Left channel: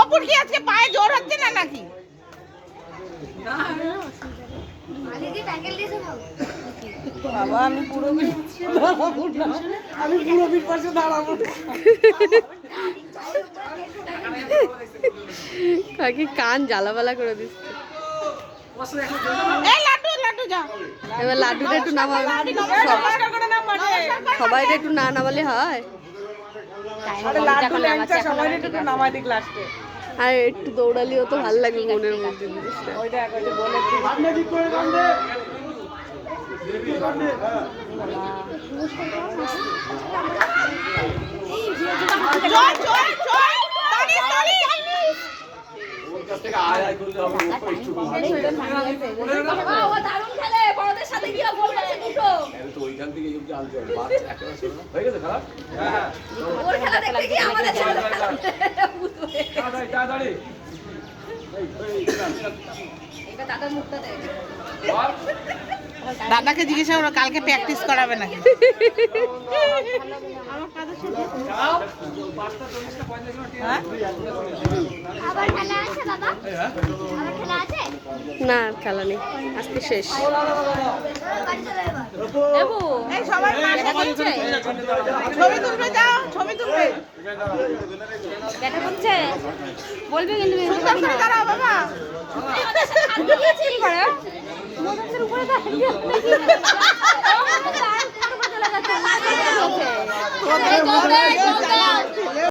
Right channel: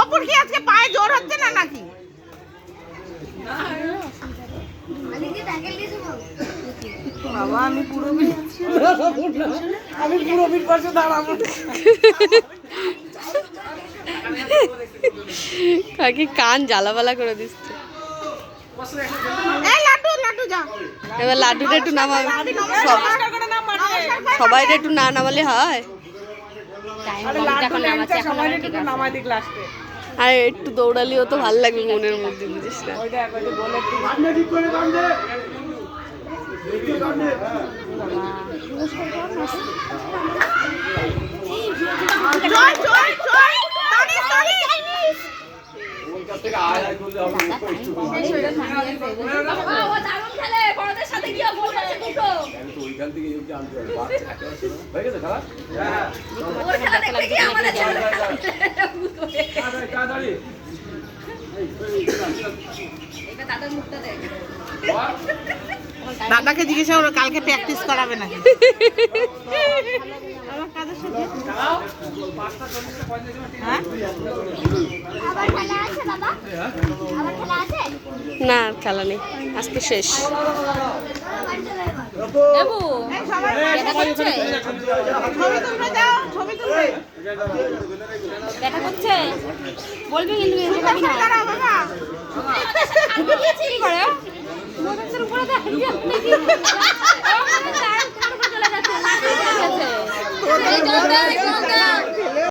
অপুর কি আজকে পায়ে জোর হচ্ছে না নাকি? বাবা আমি পুরো পাশে দাঁড়াবো। কাকি কান জ্বালাবালা করে দিচ্ছে। এবার লাড্ডুটা একটু নামাবে, সবাই একটু না নামালে হয়। আর একটু দৌড়ালিও তো ভালো লাগবে মনের মধ্যে, বুঝিস না? দাদাকে জিজ্ঞাসা করো কালকে প্র্যাকটিস করাবে নাকি। না খেলা নেই, আজকে শেষ। বলবে কিন্তু